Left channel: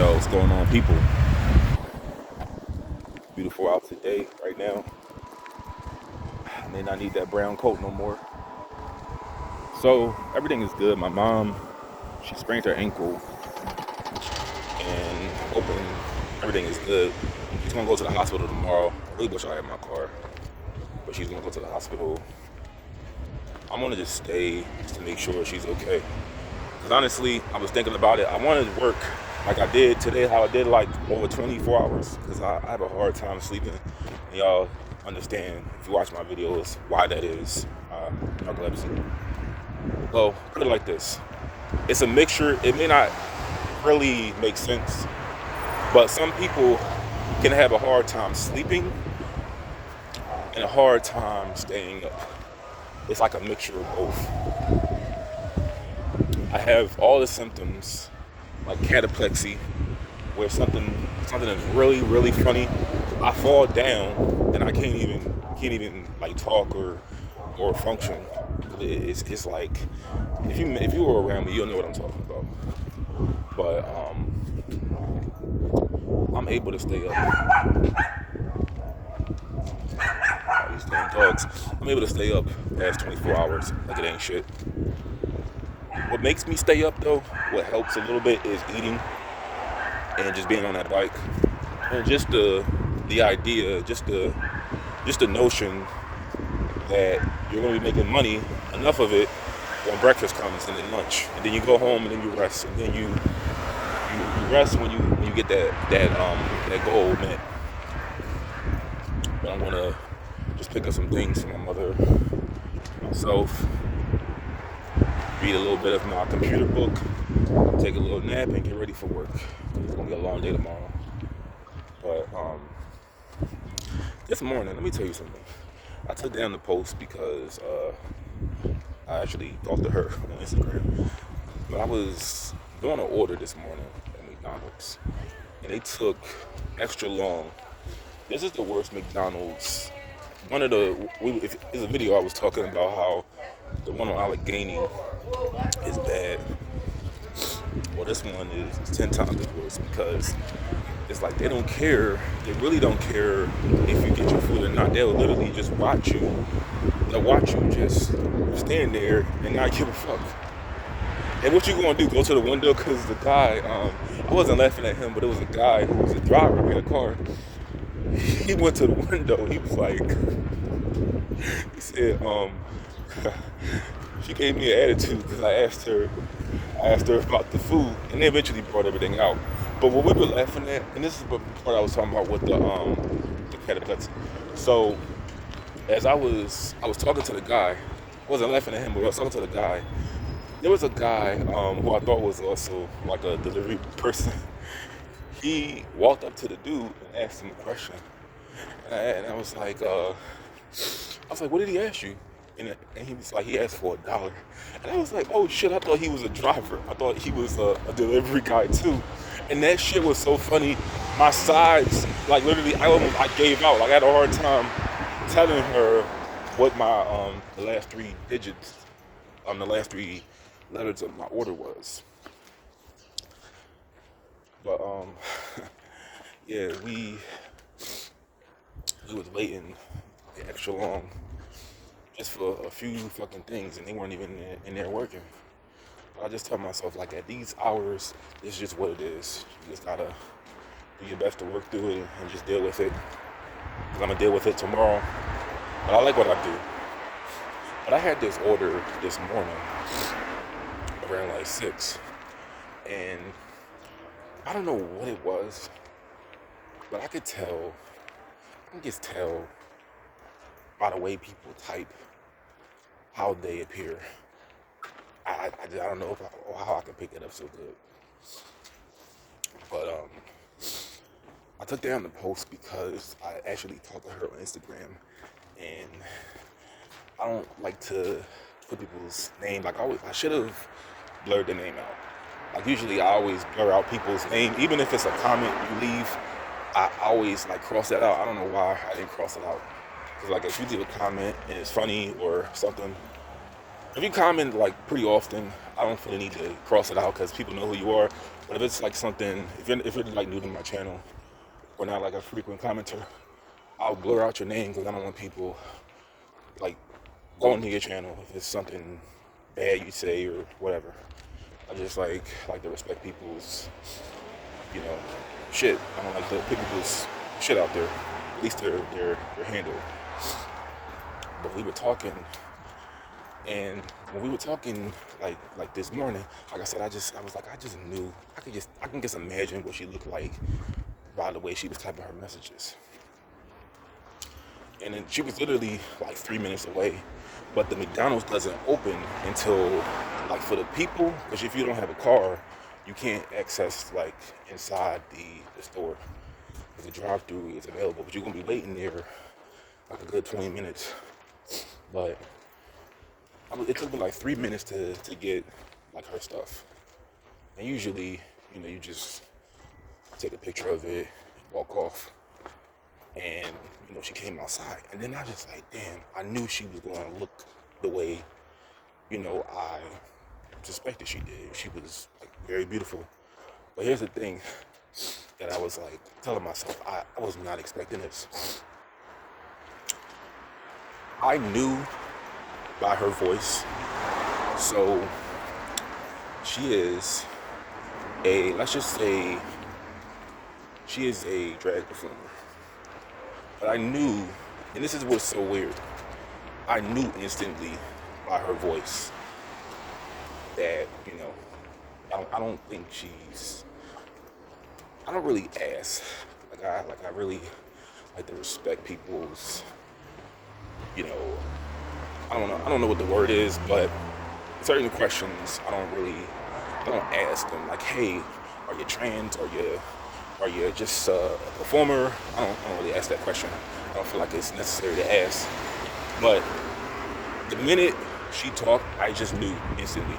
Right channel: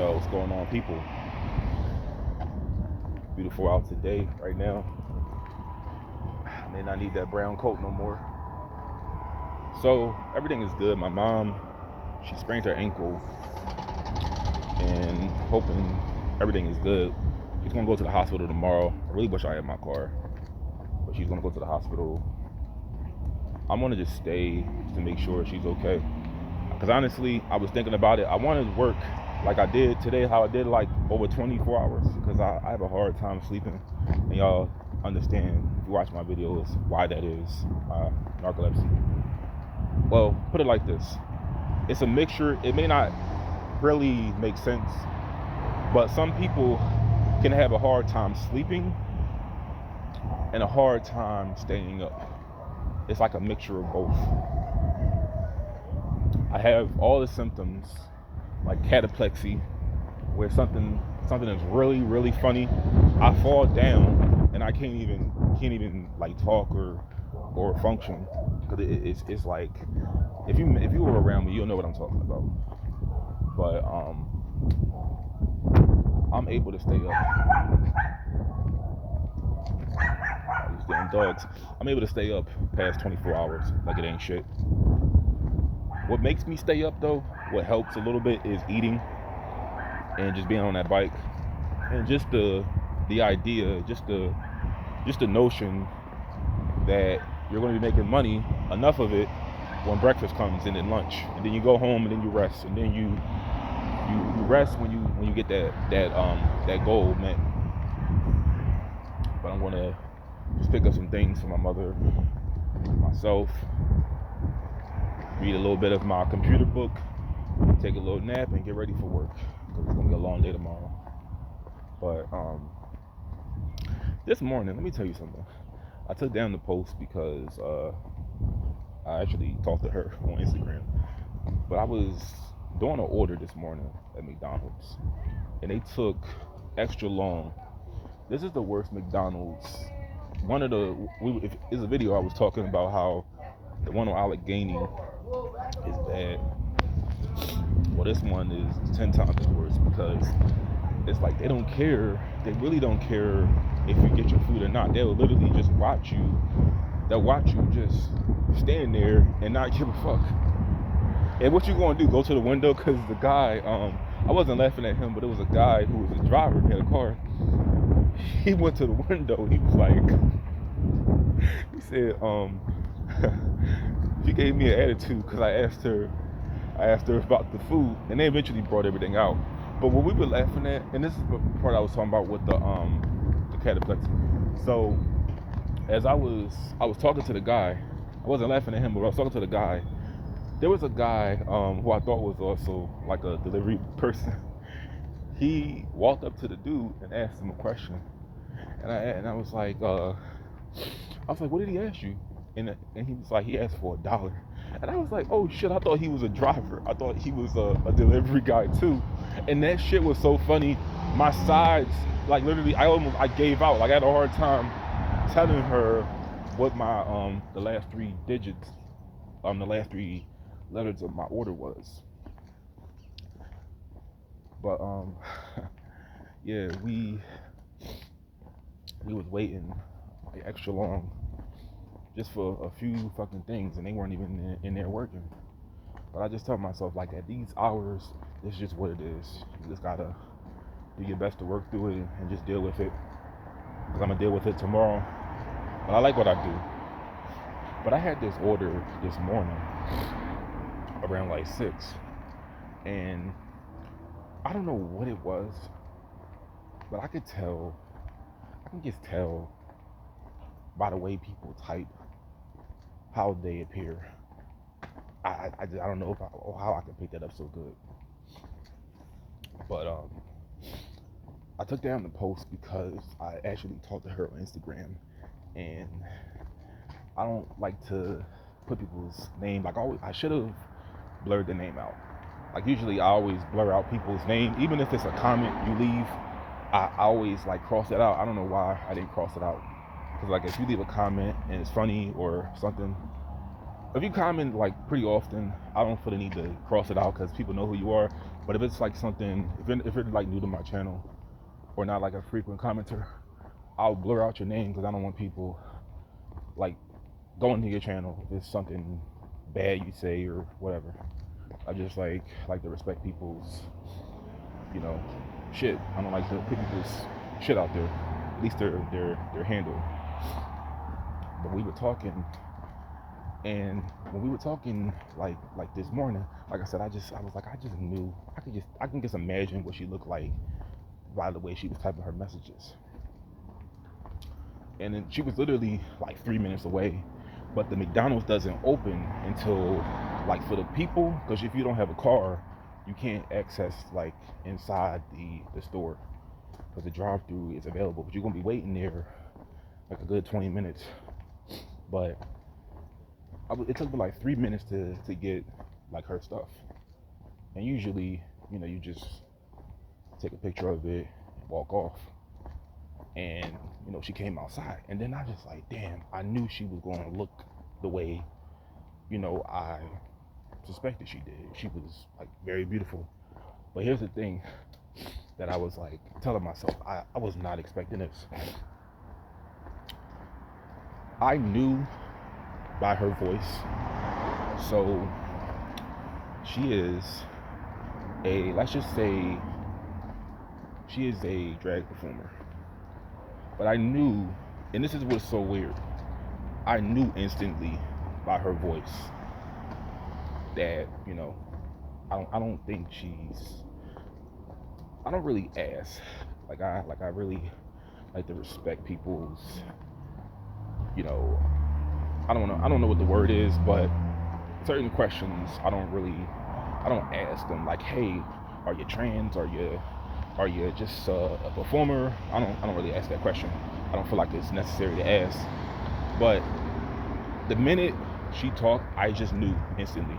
Yo, what's going on, people? Beautiful out today, right now. I may not need that brown coat no more. So, everything is good. My mom, she sprained her ankle and hoping everything is good. She's gonna go to the hospital tomorrow. I really wish I had my car, but she's gonna go to the hospital. I'm gonna just stay just to make sure she's okay. Because honestly, I was thinking about it. I wanted to work like I did today, how I did like over 24 hours. Because I have a hard time sleeping. And y'all understand, if you watch my videos, why that is. Narcolepsy. Well, put it like this. It's a mixture. It may not really make sense. But some people can have a hard time sleeping and a hard time staying up. It's like a mixture of both. I have all the symptoms, like cataplexy, where something is really, really funny. I fall down and I can't even like talk or function. It's like if you were around me, you'll know what I'm talking about. But I'm able to stay up. These damn dogs. I'm able to stay up past 24 hours like it ain't shit. What makes me stay up though, what helps a little bit, is eating and just being on that bike, and just the idea, just the notion that you're going to be making money, enough of it, when breakfast comes and then lunch, and then you go home and then you rest, and then you rest when you get that goal met. But I'm gonna just pick up some things for my mother, myself. Read a little bit of my computer book, take a little nap, and get ready for work. Because it's going to be a long day tomorrow. But this morning, let me tell you something. I took down the post because I actually talked to her on Instagram. But I was doing an order this morning at McDonald's, and they took extra long. This is the worst McDonald's. There's a video I was talking about how the one on Allegheny is bad. Well, this one is 10 times worse because it's like they don't care. They really don't care if you get your food or not. They'll literally just watch you. They'll watch you just stand there and not give a fuck. And what you gonna do? Go to the window? Because the guy, I wasn't laughing at him, but it was a guy who was a driver. He had a car. He went to the window. He was like, he said, she gave me an attitude because I asked her about the food, and they eventually brought everything out. But what we were laughing at, and this is the part I was talking about with the cataplexy. So as I was talking to the guy, I wasn't laughing at him, but I was talking to the guy. There was a guy who I thought was also like a delivery person. He walked up to the dude and asked him a question, and I was like, what did he ask you? And he was like, he asked for $1. And I was like, oh shit, I thought he was a driver. I thought he was a delivery guy too. And that shit was so funny. My sides, like literally, I gave out. Like I had a hard time telling her what my the last three digits, the last three letters of my order was. But yeah, we was waiting like extra long just for a few fucking things, and they weren't even in there working. But I just tell myself, like, at these hours, it's just what it is. You just gotta do your best to work through it and just deal with it. I'm gonna deal with it tomorrow. But I like what I do. But I had this order this morning around like 6, and I don't know what it was, but I can just tell by the way people type how they appear. I don't know how I can pick that up so good. But I took down the post because I actually talked to her on Instagram, and I don't like to put people's name. Like I should have blurred the name out. Like usually I always blur out people's name, even if it's a comment you leave. I always like cross that out. I don't know why I didn't cross it out. Because like if you leave a comment and it's funny or something, if you comment like pretty often, I don't feel the need to cross it out because people know who you are. But if it's like something, if you're like new to my channel or not like a frequent commenter, I'll blur out your name because I don't want people like going to your channel if it's something bad you say or whatever. I just like to respect people's, you know, shit. I don't like to put people's shit out there, at least their handle. But we were talking, and when we were talking like this morning, like I said, I just knew I can just imagine what she looked like by the way she was typing her messages. And then she was literally like 3 minutes away, but the McDonald's doesn't open until like for the people, because if you don't have a car, you can't access like inside the store. Because the drive-through is available, but you're gonna be waiting there like a good 20 minutes. But it took me like 3 minutes to get like her stuff. And usually, you know, you just take a picture of it, walk off. And, you know, she came outside. And then I just like, damn, I knew she was going to look the way, you know, I suspected she did. She was like very beautiful. But here's the thing that I was like telling myself, I was not expecting this. I knew by her voice. So she is let's just say she is a drag performer. But I knew, and this is what's so weird, I knew instantly by her voice that, you know, I don't think I don't really ask. I really like to respect people's, you know, I don't know what the word is, but certain questions I don't ask them like, hey, are you trans? Are you just a performer? I don't really ask that question. I don't feel like it's necessary to ask. But the minute she talked, I just knew instantly.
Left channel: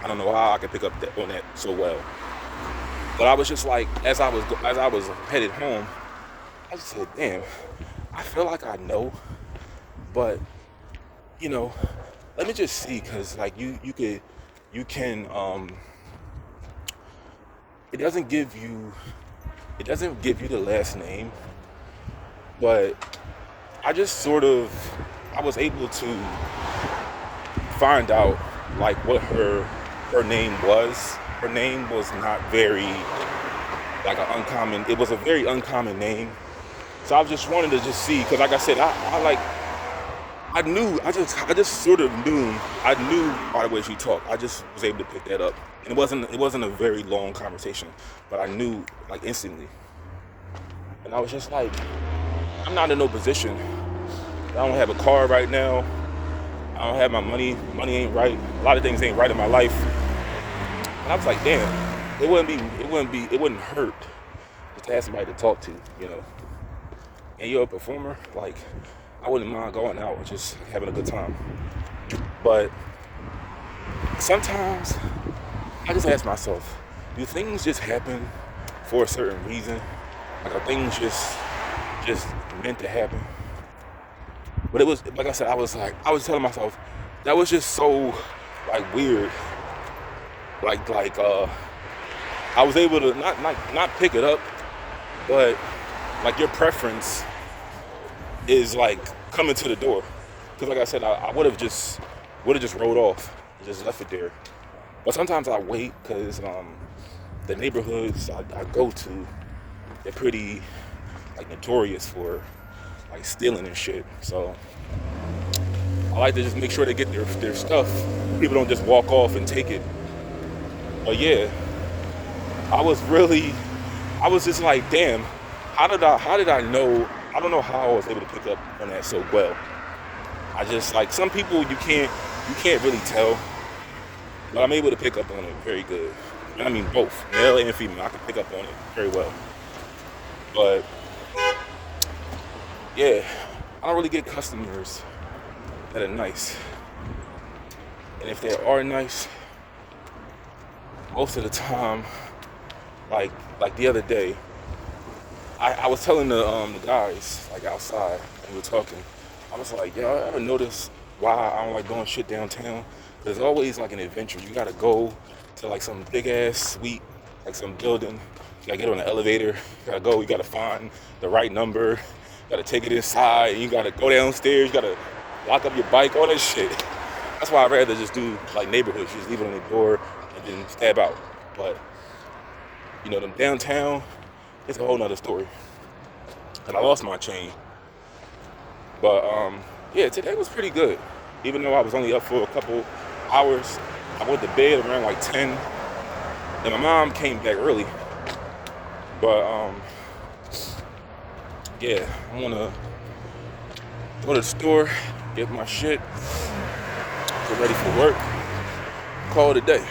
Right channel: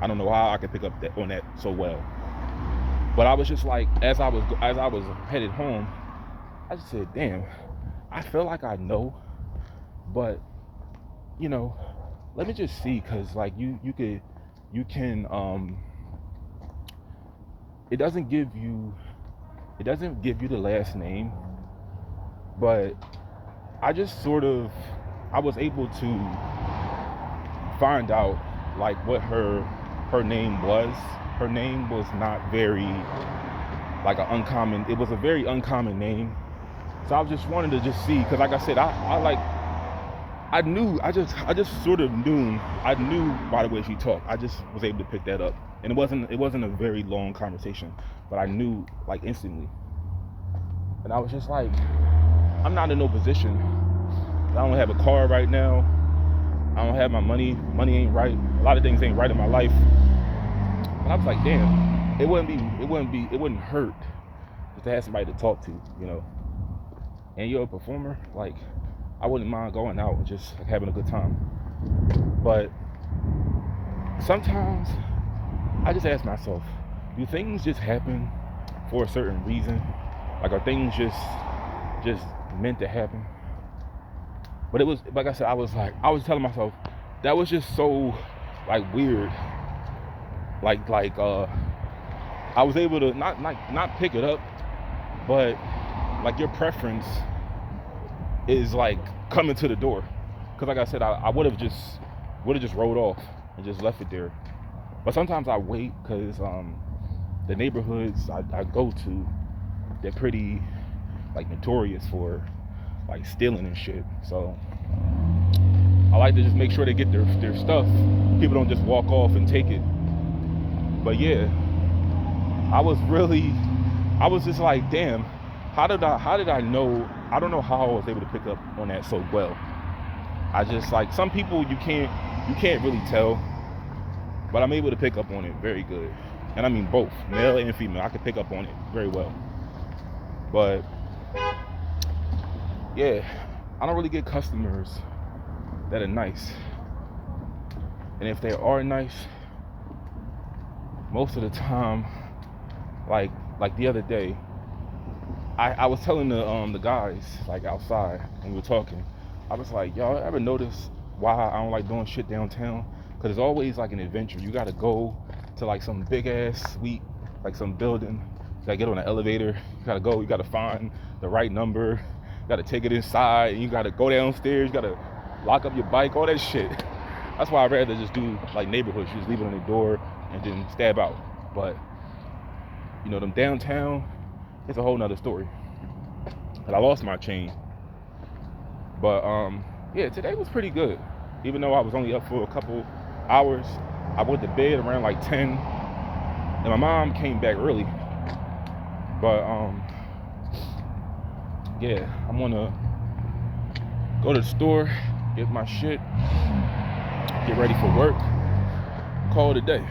I don't know how I could pick up on that so well. But I was just like, as I was headed home, I just said, damn, I feel like I know, but you know, let me just see, cause like you can it doesn't give you the last name, but I was able to find out like what her name was. Her name was not very like an uncommon, it was a very uncommon name. So I just wanted to just see, because like I said, I just sort of knew, I knew by the way she talked. I just was able to pick that up. And it wasn't a very long conversation, but I knew like instantly. And I was just like, I'm not in no position. I don't have a car right now. I don't have my money. Money ain't right. A lot of things ain't right in my life. And I was like, damn, it wouldn't hurt just to have somebody to talk to, you know. And you're a performer, like, I wouldn't mind going out and just having a good time. But sometimes I just ask myself, do things just happen for a certain reason? Like, are things just meant to happen? But it was, like I said, I was telling myself, that was just so like weird. Like I was able to not pick it up, but like your preference is like coming to the door. Because like I said, I would have just rolled off and just left it there. But sometimes I wait, because the neighborhoods I go to, they're pretty like notorious for like stealing and shit. So I like to just make sure they get their stuff. People don't just walk off and take it. But yeah, I was just like, damn, how did I know? I don't know how I was able to pick up on that so well. I just, like, some people you can't really tell, but I'm able to pick up on it very good. And I mean both, male and female, I can pick up on it very well. But yeah, I don't really get customers that are nice. And if they are nice, most of the time, like the other day, I was telling the guys like outside, and we were talking. I was like, y'all ever notice why I don't like doing shit downtown? Because it's always like an adventure. You gotta go to like some big ass suite, like some building. You gotta get on an elevator. You gotta go. You gotta find the right number. You gotta take it inside. You gotta go downstairs. You gotta lock up your bike. All that shit. That's why I'd rather just do like neighborhoods. Just leave it on the door and then stab out. But you know, them downtown, it's a whole nother story. And I lost my chain. But yeah, today was pretty good. Even though I was only up for a couple hours, I went to bed around like 10, and my mom came back early. But yeah, I'm gonna go to the store, get my shit, get ready for work, call it a day.